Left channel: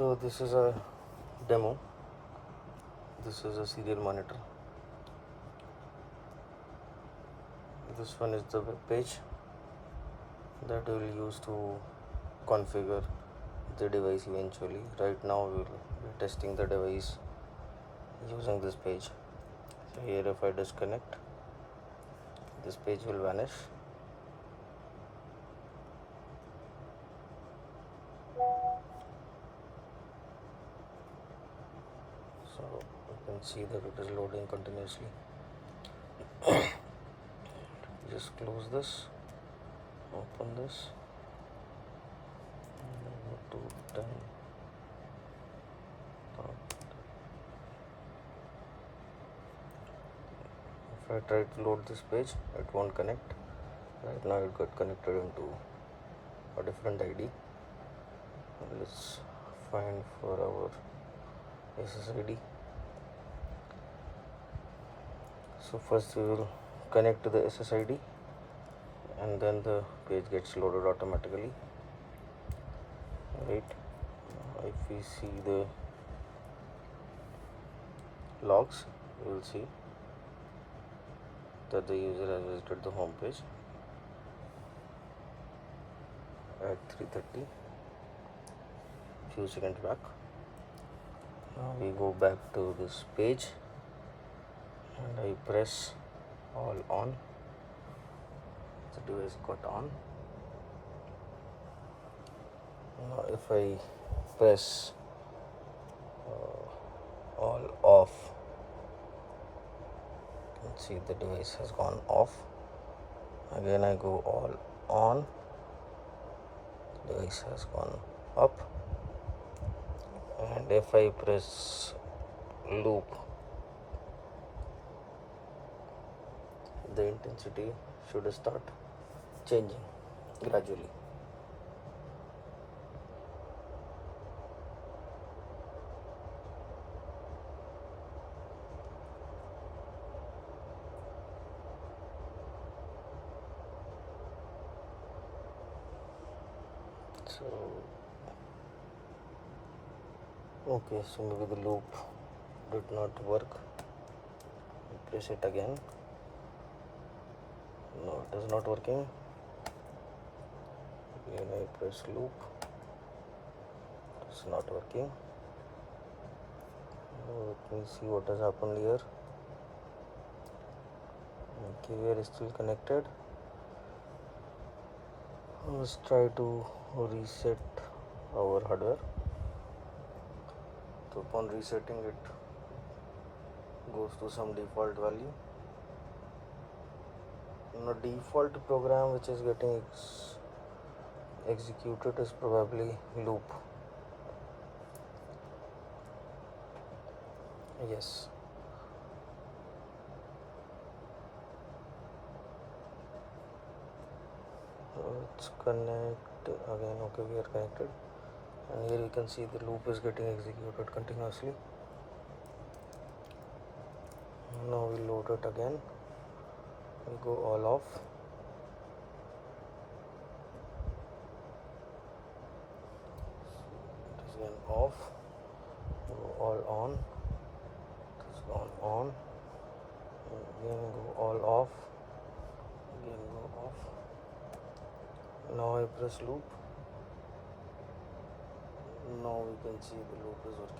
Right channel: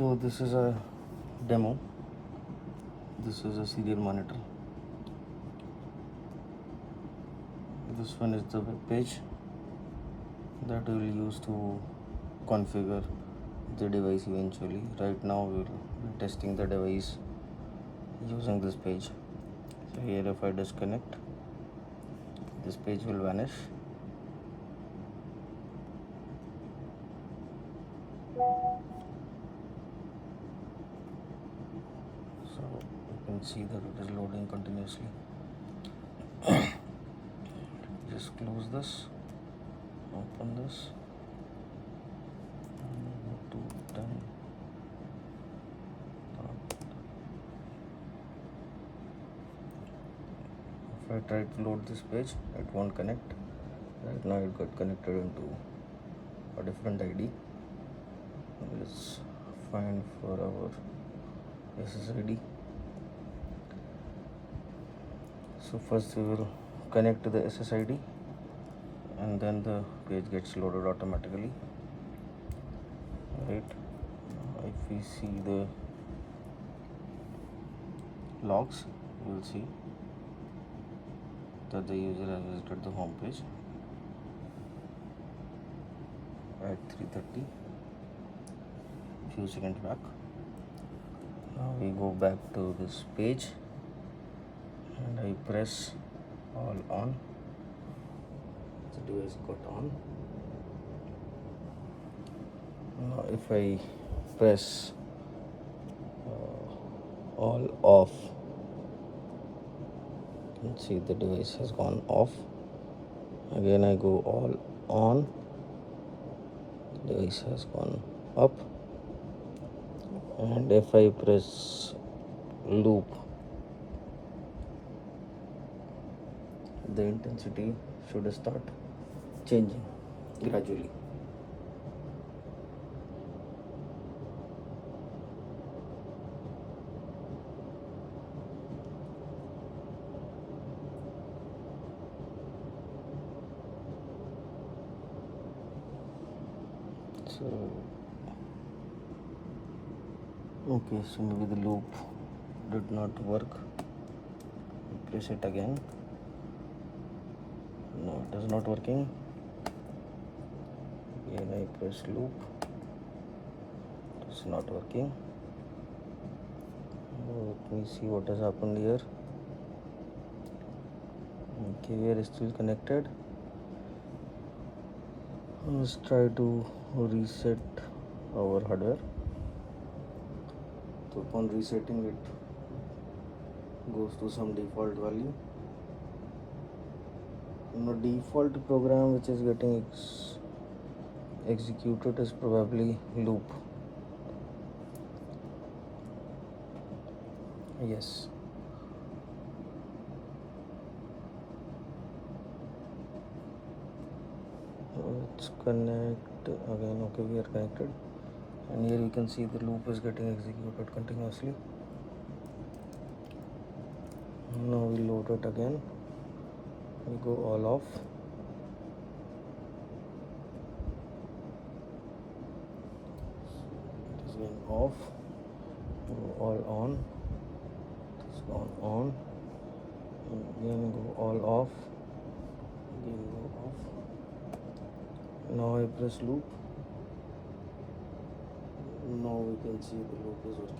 So this is a demo. This is a serial monitor. This one is the web page that we will use to configure the device eventually. Right now we will be testing the device using this page. So here if I disconnect, this page will vanish. So you can see that it is loading continuously. Just close this, open this, and go to 10. If I try to load this page, it won't connect. Right now it got connected into a different ID. Let's find for our SSID. So first we will connect to the SSID and then the page gets loaded automatically. Right, if we see the logs, we will see that the user has visited the home page at 3:30, few seconds back. Now we go back to this page and I press all on. The device got on. Now if I press all off, you can see the device has gone off. Again I go all on, the device has gone up. And if I press loop, the intensity should start changing gradually. So okay, so maybe the loop did not work. Press it again. No, it is not working. Again I press loop. It is not working. Now let me see what has happened here. Okay, we are still connected. Let's try to reset our hardware. So upon resetting it goes to some default value. Now default program which is getting executed is probably loop. Yes. Let's connect again. Okay, we are connected, and here you can see the loop is getting executed continuously. Now we load it again. We go all off. It is again off. Go all on. It is gone on. Again go all off. Again go off. Now I press loop. Now we can see the loop is working.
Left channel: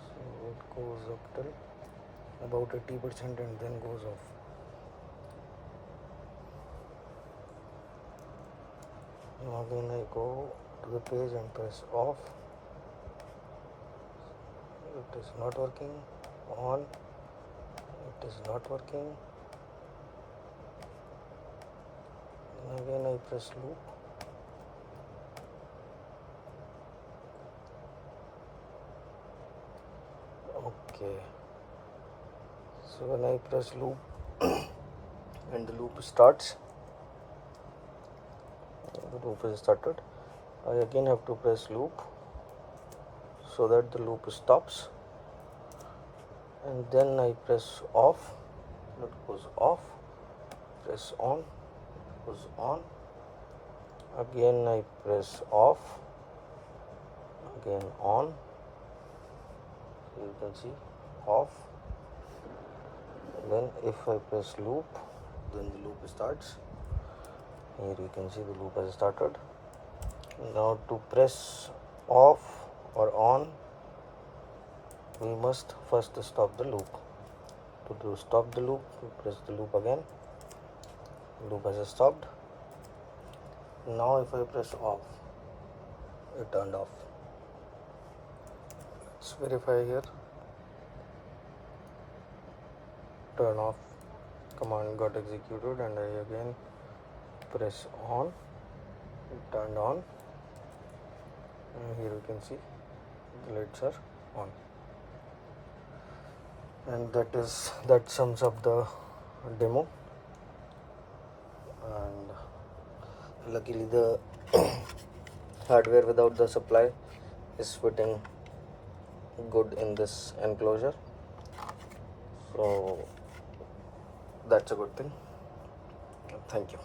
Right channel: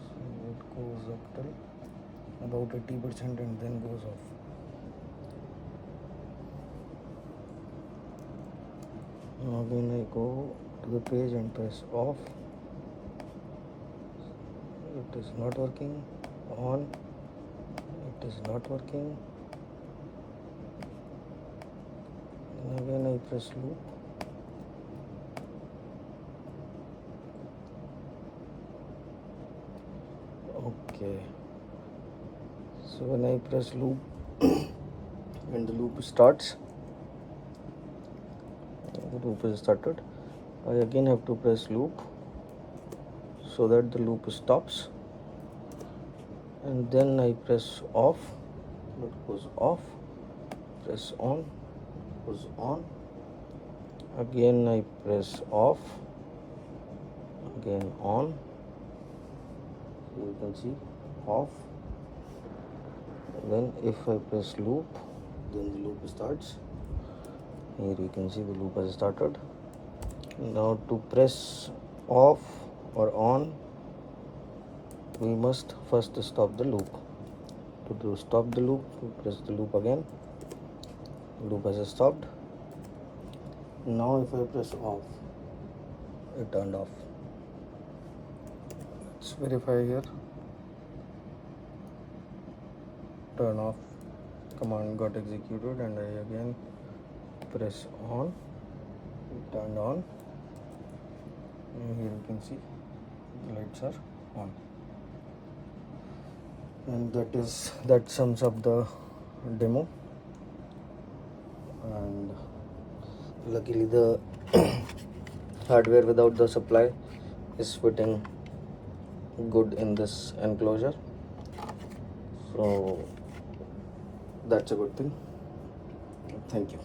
So it goes up till about 80% and then goes off. Now again I go to the page and press off. It is not working. On. It is not working. And again I press loop. Okay. So when I press loop and the loop loop starts. The loop is started. I again have to press loop so that the loop stops, and then I press off, that goes off, press on, goes on, again I press off, again on. You can see off. Then if I press loop, then the loop starts. Here you can see the loop has started. Now to press off or on, we must first stop the loop. To stop the loop, we press the loop again. The loop has stopped. Now if I press off, it turned off. Let's verify here. Turn off command got executed, and I again press on, it turned on, and here you can see the lights are on. And that sums up the demo. And luckily the hardware without the supply is fitting good in this enclosure, so that's a good thing. Thank you.